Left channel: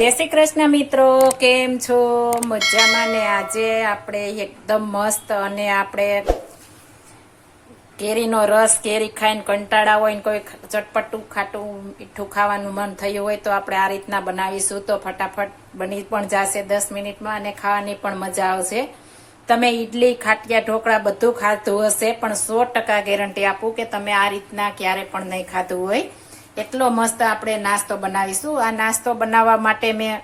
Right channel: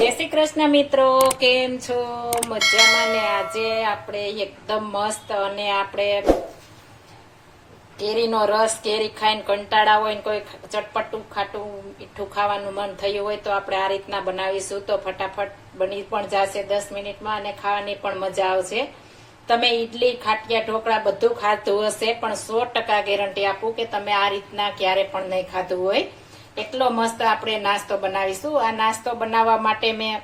જય શ્રી કૃષ્ણ મિત્રો, કેમ છો? મજામાં ને આજે આપણે એકદમ મસ્ત અને આપણે કેરીનો રસ, કેરી ખાઈને કંટાળા હોય ને કોઈ ચટપટું ખાટું, મીઠું ખાવાનું મન થયું હોય તો આપણે આ રીતના બનાવીશું. તો ફટાફટ બની પણ જશે દસ મિનિટમાં અને ખાવાની પણ મજા આવશે. તમે ઈડલી, ખાટિયા, ઢોકળા બધું ખાધું હશે, પણ સો ટકા ગેરંટી આપું કે તમે આ રીતના ક્યારે પણ નહીં ખાધું હોય. એટલો મસ્ત આપણે નાસ્તો બનાવીશું. આ નાસ્તો બનાવવા માટે મેં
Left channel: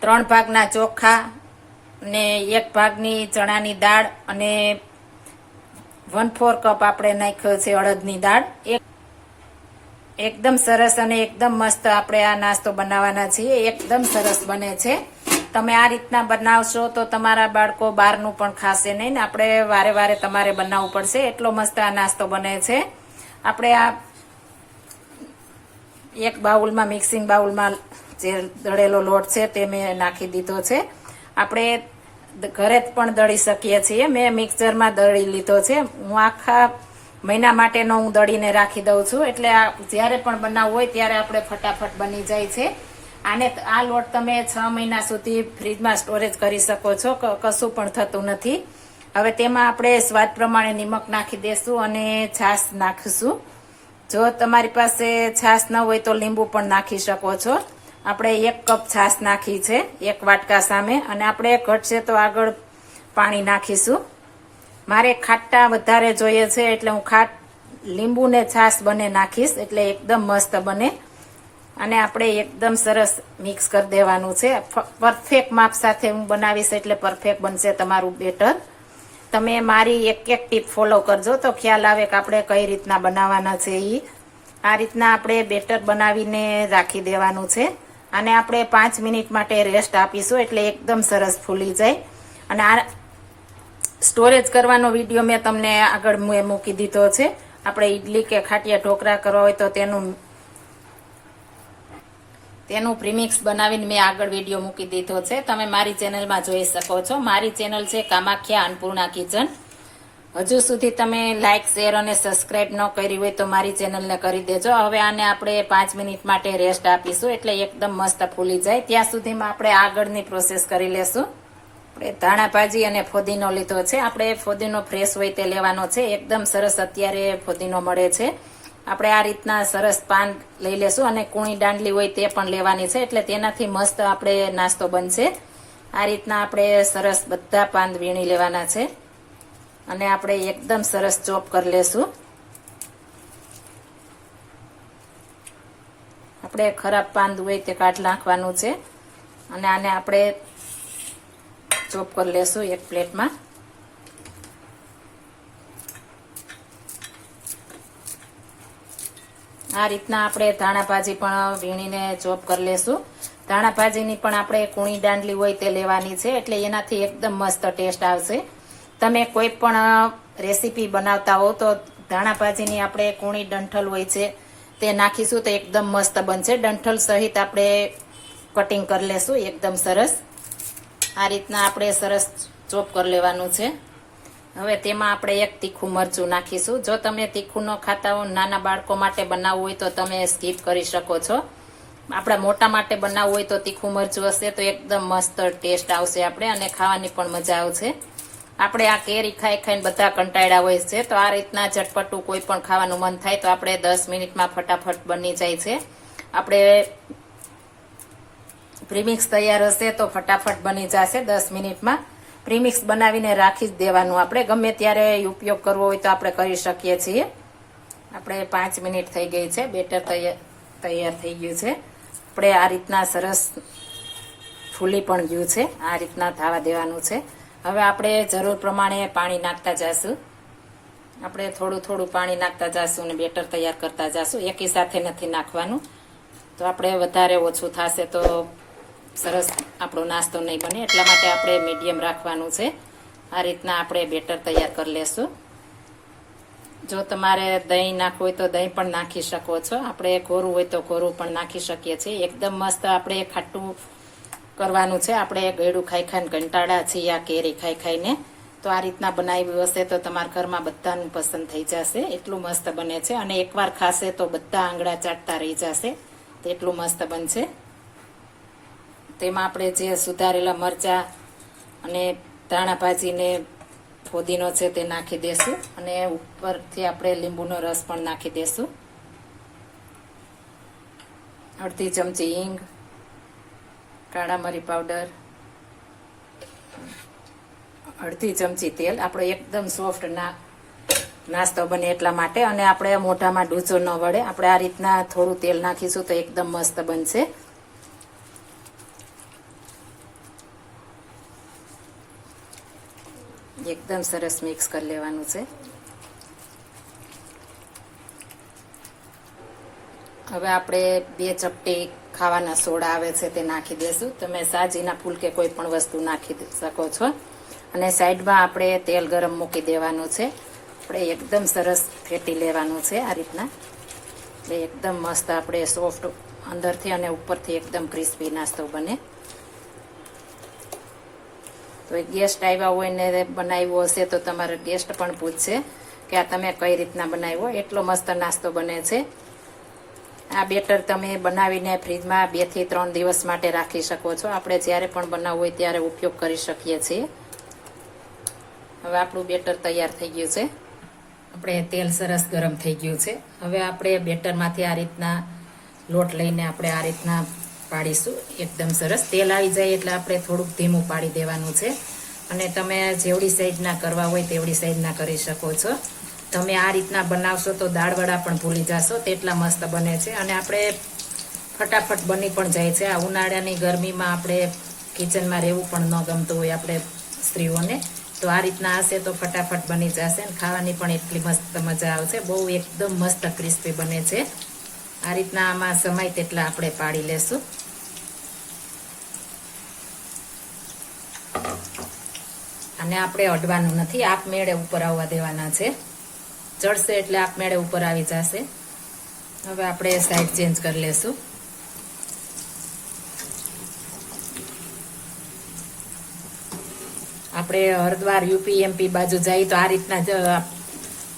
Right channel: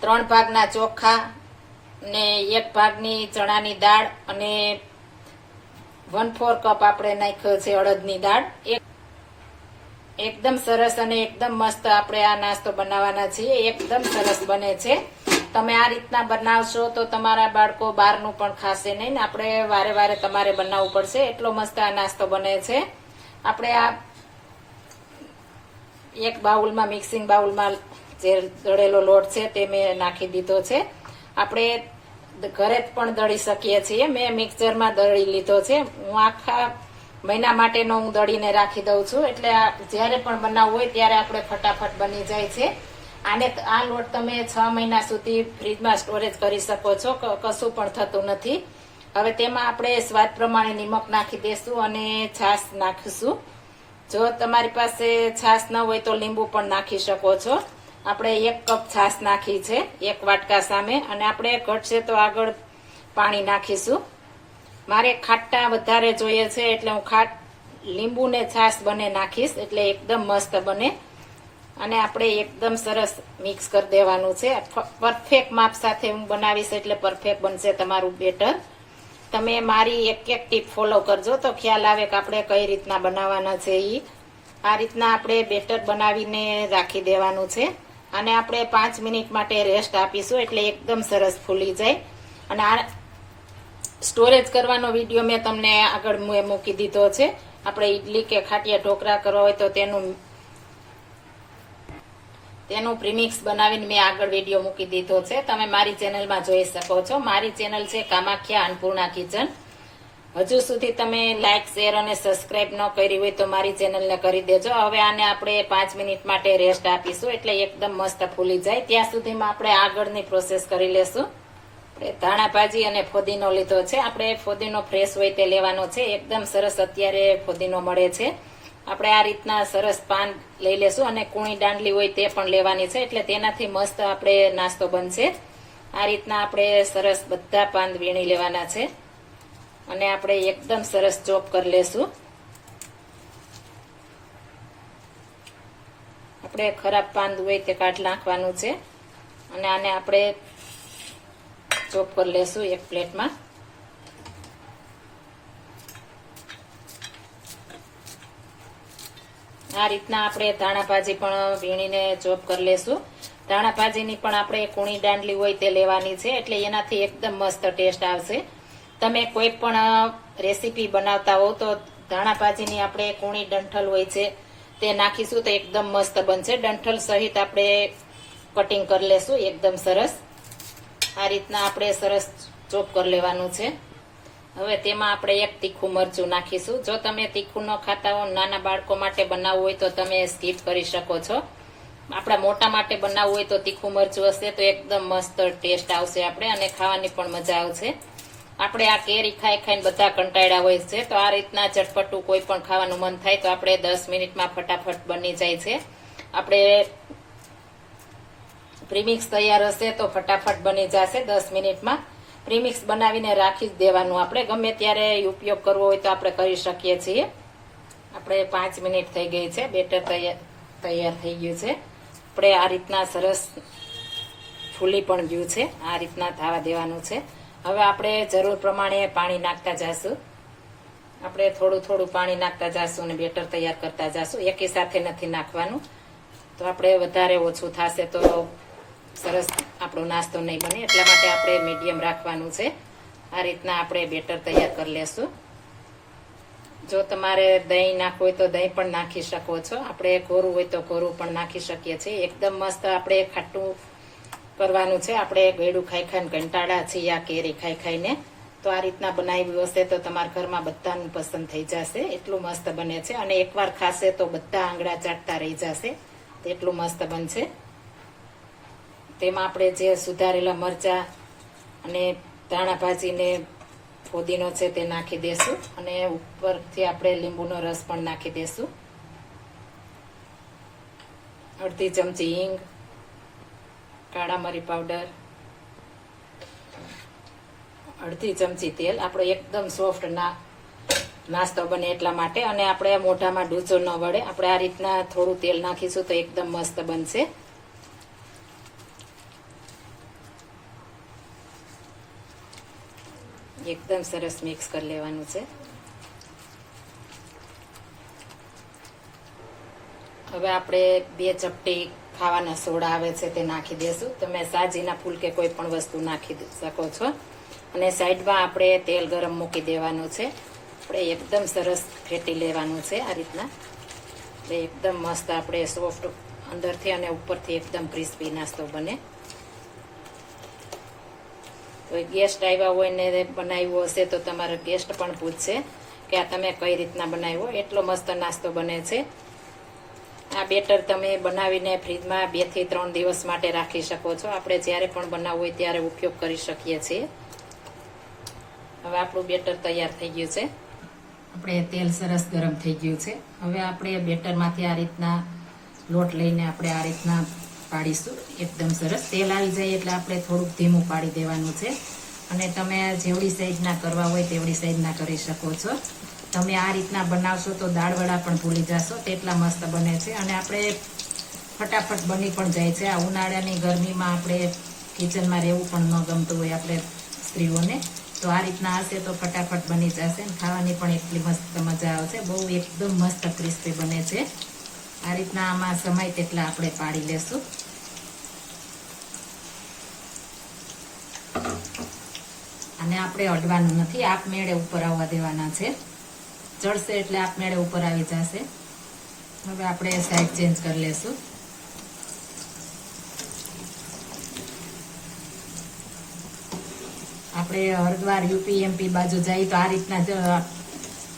ત્રણ ભાગના ચોખા ને એક ભાગની ચણાની દાળ અને વન ફોર કપ આપણે નાખ્યો છે અડદની દાળ. એક એકદમ સરસ અને એકદમ મસ્ત આપણે આ નાસ્તો બનાવવાના છીએ. એકદમ સરસ બને છે. તમે આ રીતના બનાવશો તો તમારા બાળકો બહારનું પણ ખાશે નહીં ને. આપણે વારે વારે તમારે બનાવવું પડશે. એટલો મસ્ત આ નાસ્તો બને છે. આપણે આ એક બાઉલમાં મિક્સિંગ બાઉલમાં જે દળેલો લોટ છે તે મેં નાખી દીધો છે. આપણે ઘરે પણ દળી શકીએ છીએ. મેં મિક્સરમાં દળી લીધો છે. હું આખા મહિના માટેનો હું દળીને રાખી દઉં છું. એટલે જ્યારે પણ બનાવવું હોય ત્યારે આપણે ફટાફટ બની જાય છે. આને આ લોટ તમે છ મહિના સુધી ફ્રીજમાં સ્ટોરેજ કરી શકો છો. કશું પણ થતું નથી. હવે તેમાં આપણે સ્વાદ પ્રમાણે નિમક નાખી દેશું અને છાશ નાખીશું. જો તમારી પાસે છાશ ન હોય તો લીંબુ પણ નાખી શકો છો. આપણે એક કપ છાશ નાખી છે, એક વાટકા સામે, અને આપણે ઘટશે તો આગળ પાણી નાખીશું. મારે ખાટા વધારે જોઈએ છે એટલે હું ખાટ લીંબુ ને છાશ બને નાખીશ, એટલે એકદમ મસ્ત બને. અને આપણે એકદમ સરસ મિક્સ કરી દેવાનું છે. પરફેક્ટ માપ સાથે હું બનાવીશ એટલે પરફેક્ટ બનશે તમારું બેટર. તમે મારી એક એક ટીપ ફોલો કરજો. તો ખ્યાલ આવે કે આપણે કઈ રીતના બનાવવાના છે એ આ રીતના આપણે બેટર બનાવીને રાખી દેવાનું છે. અને આપણે પાંચ મિનિટ માટે રેસ્ટ આપીશું એટલે એકદમ સરસ ફૂલી જાય. અને આ સ્ટોરેજ કરવાનો વીડિયો મેં તમને આગળ મૂકી દીધો છે. આપણે ઈડલી કે ખાટિયા ઢોકળા કરવા હોય તો તેનું તેનું પ્રીમિક્સ બનાવીને મેં આગળ વીડિયો મૂકી દીધો છે. તમે મારી ચેનલમાં જોઈ શકો છો. મારી ચેનલ છે કામાખ્યા અન્નપૂર્ણા કિચન. હજુ સુધી તમે લાઇક શેર અને સબસ્ક્રાઇબ ન કરી હોય તો મારી ચેનલને કરી દેજો. હવે આને આપણે પાંચ મિનિટ માટે રેસ્ટ આપીશું એટલે એકદમ મસ્ત ફૂલી જાય. ત્યાં સુધીમાં આપણે આગળની પ્રોસેસ કરી લેશું. આપણે ધાણા ભાજી અને ફોદીનો લીધો છે. આપણે ફોદીનો ફ્રેશ હોય તે લેવાનો છે. એકદમ સરસ અત્યારે ફોદીનો મળે છે. આપણે આ રીતના સરસ પાન લઈ લેશું અને કૂણી દાંડલી હોય તે પણ લેવાની છે, એટલે તેનાથી મસ્ત આપણે નાસ્તો બનશે. આ રીતના આપણે સરસ બધા પાન વીણી લેવાના છે. અને આપણે એકદમ સરસ ચોપ કરી લેશું. આપણે ખરાબ પાન હોય તે કાઢ નાખવાનું છે. અને આને આપણે ચોપ કરી લેશું એક પ્લેટમાં. આ રીતના આપણે ધાણા ભાજી પણ વીણીને ચોપ કરી લેશું. ધાણા ભાજીની પણ આપણે કૂણી દાંડલી હોય તે લેવાની છે, એટલે એનાથી એકદમ મસ્ત ટેસ્ટ આવશે. તમે કોઈ પણ રેસીપી બનાવતા હો તો ધાણા ભાજીની આપણે કૂણી ડંઠલ હોય છે તે નાખીશું તો એકદમ મસ્ત બનશે. ડંઠલ સહિત આપણે કટિંગ કરી લેશું, એકદમ સરસ. આ રીતના આપણે સરસ ચોપ કરી લેવાનું છે. હવે તેમાં આપણે એક તીખું મરચું નાખીશું. જો તમે તીખું ન ખાતા હો, નાના બાળકો માટે બનાવવું હોય તો તમે સ્કીપ કરી શકો છો. આપણા મોટા માટે બનાવવું હોય તો તીખું મરચું હશે તો એકદમ મસ્ત ટેસ્ટ આવશે આપણે અને ખાવાની પણ મજા આવશે. આપણે આ કેરી ખાઈ ખાઈને બધા કંટાળ્યા હોય છે, તો આ રીતના ચટપટું કોઈ પણ ખાવાનું મન થાય તો આપણે દસ મિનિટમાં ફટાફટ બની જાય છે. આપણે પ્રીમિક્સ તૈયાર હશે તો ફટાફટ બની જશે દસ મિનિટમાં. પ્રીમિક્સ બનાવીને રાખી જ દેવાનું. આપણે ગમે ત્યારે ઉપયોગ કરવો હોય તો આપણે કરી શકીએ છીએ. આપણે પાંચ મિનિટ થઈ ગઈ છે. બેટર તૈયાર થઈ ગયું છે. આપણે આ રીતના સરસ ફૂલી પણ ગયું છે. આ રીતના થવા દેવાનું છે. હવે આપણે જરૂર પ્રમાણે પાણી નાખતા જાશું. આપણે થોડું થોડું પાણી નાખતા જાશું અને બેટર તૈયાર કરતા જાશું. એકી સાથે નથી નાખવાનું. તો આપણે વધારે ઓછું થશે તો સરસ આપણો નાસ્તો નહીં બને, એટલા માટે આપણે મીડિયમ રાખવાનું છે. આ રીતના આપણે બેટર તૈયાર કરી લેશું. જો તમારે દહીં નાખવું હોય તો દહીં પણ નાખી શકો છો. આપણે કોરું હોય તો કોરું પણ નાખી શકીએ છીએ. એકદમ મસ્ત આપણે ખાટું કરવાનું છે. આપણે ગળું ખાઈ ખાઈને કંટાળા છીએ આ કેરી ખાઈ ખાઈને. તો આ રીતના બનાવ્યું હશે તો તમારા ઘરમાં બધાનું પસંદ થઈ જશે. એટલું મસ્ત બને છે. અને એકવાર ખાશે તો બધા આંગળા ચાટતા રહી જશે. તો એટલું મસ્ત બનશે. તેમાં આપણે જે સુધારેલા મરચા અને ધાણા ભાજીને ફોદીનો છે તે નાખી દેશું અને ઉપરથી આપણે લીંબુનો રસ પણ નાખી દેશું. અડધી ચમચી હિંગ, કાળા મરી પાવડર, અડધી ચમચી તેલ. આપણે એકદમ સોફ્ટ ના નાસ્તો બને એટલા માટે અને આપણે મોઢામાં ડૂચો ન વળે. આપણે આ રીતના થોડું તેલ નાખીશું તો એકદમ મસ્ત બનશે. એકદમ સરસ મિક્સ કરી લેવાનું છે. હવે આપણે બે ચપટી ખાવાના સોડા આવે છે તે નાખી દેશું. તમે સાજીના ફૂલ કે કોઈ પણ વસ્તુ નાખી શકો છો. અને સાઈડમાં આપણે તેલ ગરમ મૂકી દેવાનું છે. આપણે એકદમ સરસ ફેટી લેવાનું છે આ રીતના. એકદમ મસ્ત આપણે સોફ્ટ અંદરથી અને ઉપરથી એકદમ ક્રિસ્પી નાસ્તો બને. તો ગેસ્ટ આવ્યા હોય ને બનાવ્યો હશે તો તમારા ગેસ્ટ પણ પૂછશે કે આ તમે કઈ રીતના બનાવ્યો? એટલો મસ્ત નાસ્તો બને છે. આ બેટર તમે બનાવીને ફ્રીજમાં બેથી ત્રણ દિવસ માટે રાખી શકો છો. આપણે જ્યારે પણ બનાવવું હોય ત્યારે ઉપયોગ કરી શકીએ છીએ. હવે આપણું બેટર તૈયાર થઈ ગયું છે. આપણે તેલ સરસ ગરમ થઈ ગયું છે. હવે આપણે બેટરમાંથી આ રીતના લોટ લઈને આપણે આ રીતના પાડીશું. એકદમ સરસ. તેલ આવી જાય એટલે આપણે થોડુંક ધીમું પાડી દેવાનું છે. અને તમે જેવડી સાઈઝના કરવા હોય તેવડી સાઈઝના કરી શકો છો. તમે આ રીતના બનાવશો તો દાળવડા પણ ભૂલી જશો. તેટલા મસ્ત બને છે. અને આપણે ફટાફટ બની પણ જાય છે. આ ઉનાળાની ગરમીમાં આપણે કિચનમાં રહેવું પણ ન ગમતું હોય આપણે સ્ત્રીઓને. તો આ રીતના હશે તો ફટાફટ બની જશે. ખાવાની પણ એટલી મસ્ત મજા આવશે. બહુ એકદમ મસ્ત ક્રિસ્પી બને છે. આ રીતના આમાં સમય તેટલા આપણે પાડી લેશું. અને આપણે અડવાનું નથી આપમેળે ઉપર આવવા દેવાના છે. ચડશે એટલે આપમેળે ઉપર આવી જશે. હવે આપણે સાઈડ ચેન્જ કરી લેશું. આપણે હરદ્વાર યુપી એમપી બાજુ જઈએ તો આ રીતના જ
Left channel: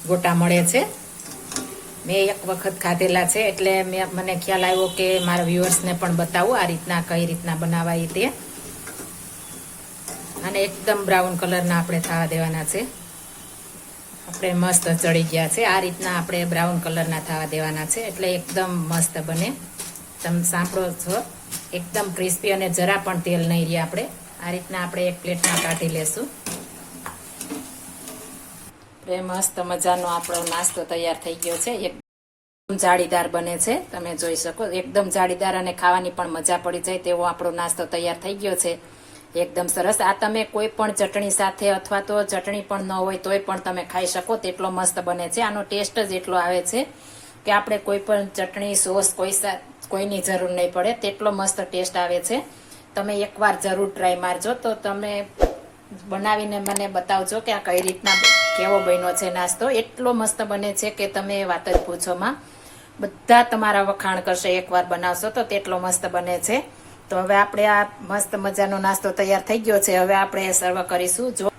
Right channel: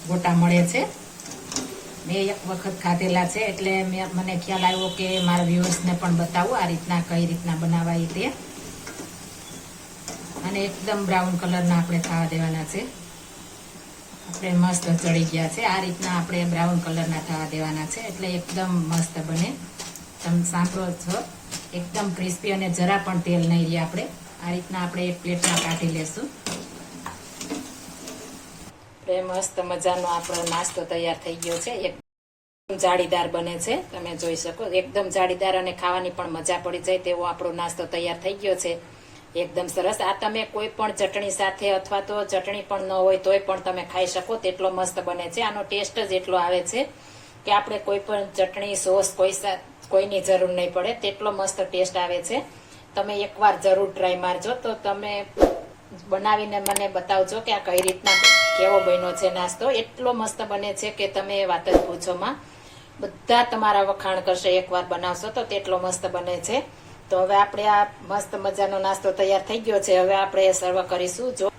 ગોટા મળે છે. મેં એક વખત ખાધેલા છે એટલે મેં મને ખ્યાલ આવ્યો કે મારા વ્યુઅર્સને પણ બતાવું આ રીતના કઈ રીતના બનાવાય તે. અને એકદમ બ્રાઉન કલરના આપણે થવા દેવાના છે. આપણે મસ્ત ચડી ગયા છે. આ રીતના આપણે બ્રાઉન કલરના થવા દેવાના છે. એટલે એકદમ મસ્ત બને. તમે સાંભળો છો? એકદમ ક્રિસ્પી અને જરા પણ તેલ નહીં રહે આપણે. આ રીતના આપણે એક પ્લેટમાં કાઢી લેશું. આપણે મસ્ત મજાનો આપણો નાસ્તો તૈયાર થઈ ગયો છે. એકદમ જાળીદાર બને છે, તમે જોઈ શકો. એકદમ જાળીદાર અને ખાવાની પણ મજા પડી જાય તેવો આપણો નાસ્તો તૈયાર થઈ ગયો છે. એકદમ સરસ. આ તમે કોઈ પણ ચટણી સાથે અથવા તો ચટણી પણ ન હોય તોય પણ તમે ખાઈ શકો. તેટલો મસ્ત બને છે. આનો ટેસ્ટ જ એટલો આવે છે કે આપણે કોઈ પણ ચટણી, સોસ કોઈ કોઈની જરૂર નહીં પડે. તેટલો મસ્ત ટેસ્ટ આવે છે. તમે એકવાર જરૂર ટ્રાય મારજો. તો તમે બનાવીને મને બતાવજો કે આ કઈ રીતના કેવો બન્યો છે નાસ્તો? એટલો મસ્ત બને છે કે તમે વાત જ પૂછોમાં બધા તમારા વખાણ કરશે, એકવાર બનાવશો તો તેટલો મસ્ત બને છે. તો હવે આપણે આ મસ્ત મજાનો નાસ્તો તૈયાર થઈ ગયો છે. હવે આપણે સર્વ કરીશું. જો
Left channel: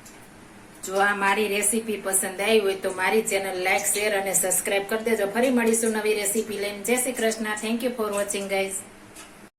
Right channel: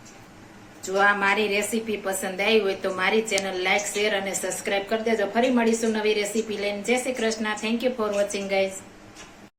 જો આ મારી રેસીપી પસંદ આવી હોય તો મારી ચેનલ લાઇક શેર અને સબસ્ક્રાઇબ કરી દેજો. ફરી મળીશું નવી રેસીપી લઈને. જય Shri Krishna. Thank you for watching guys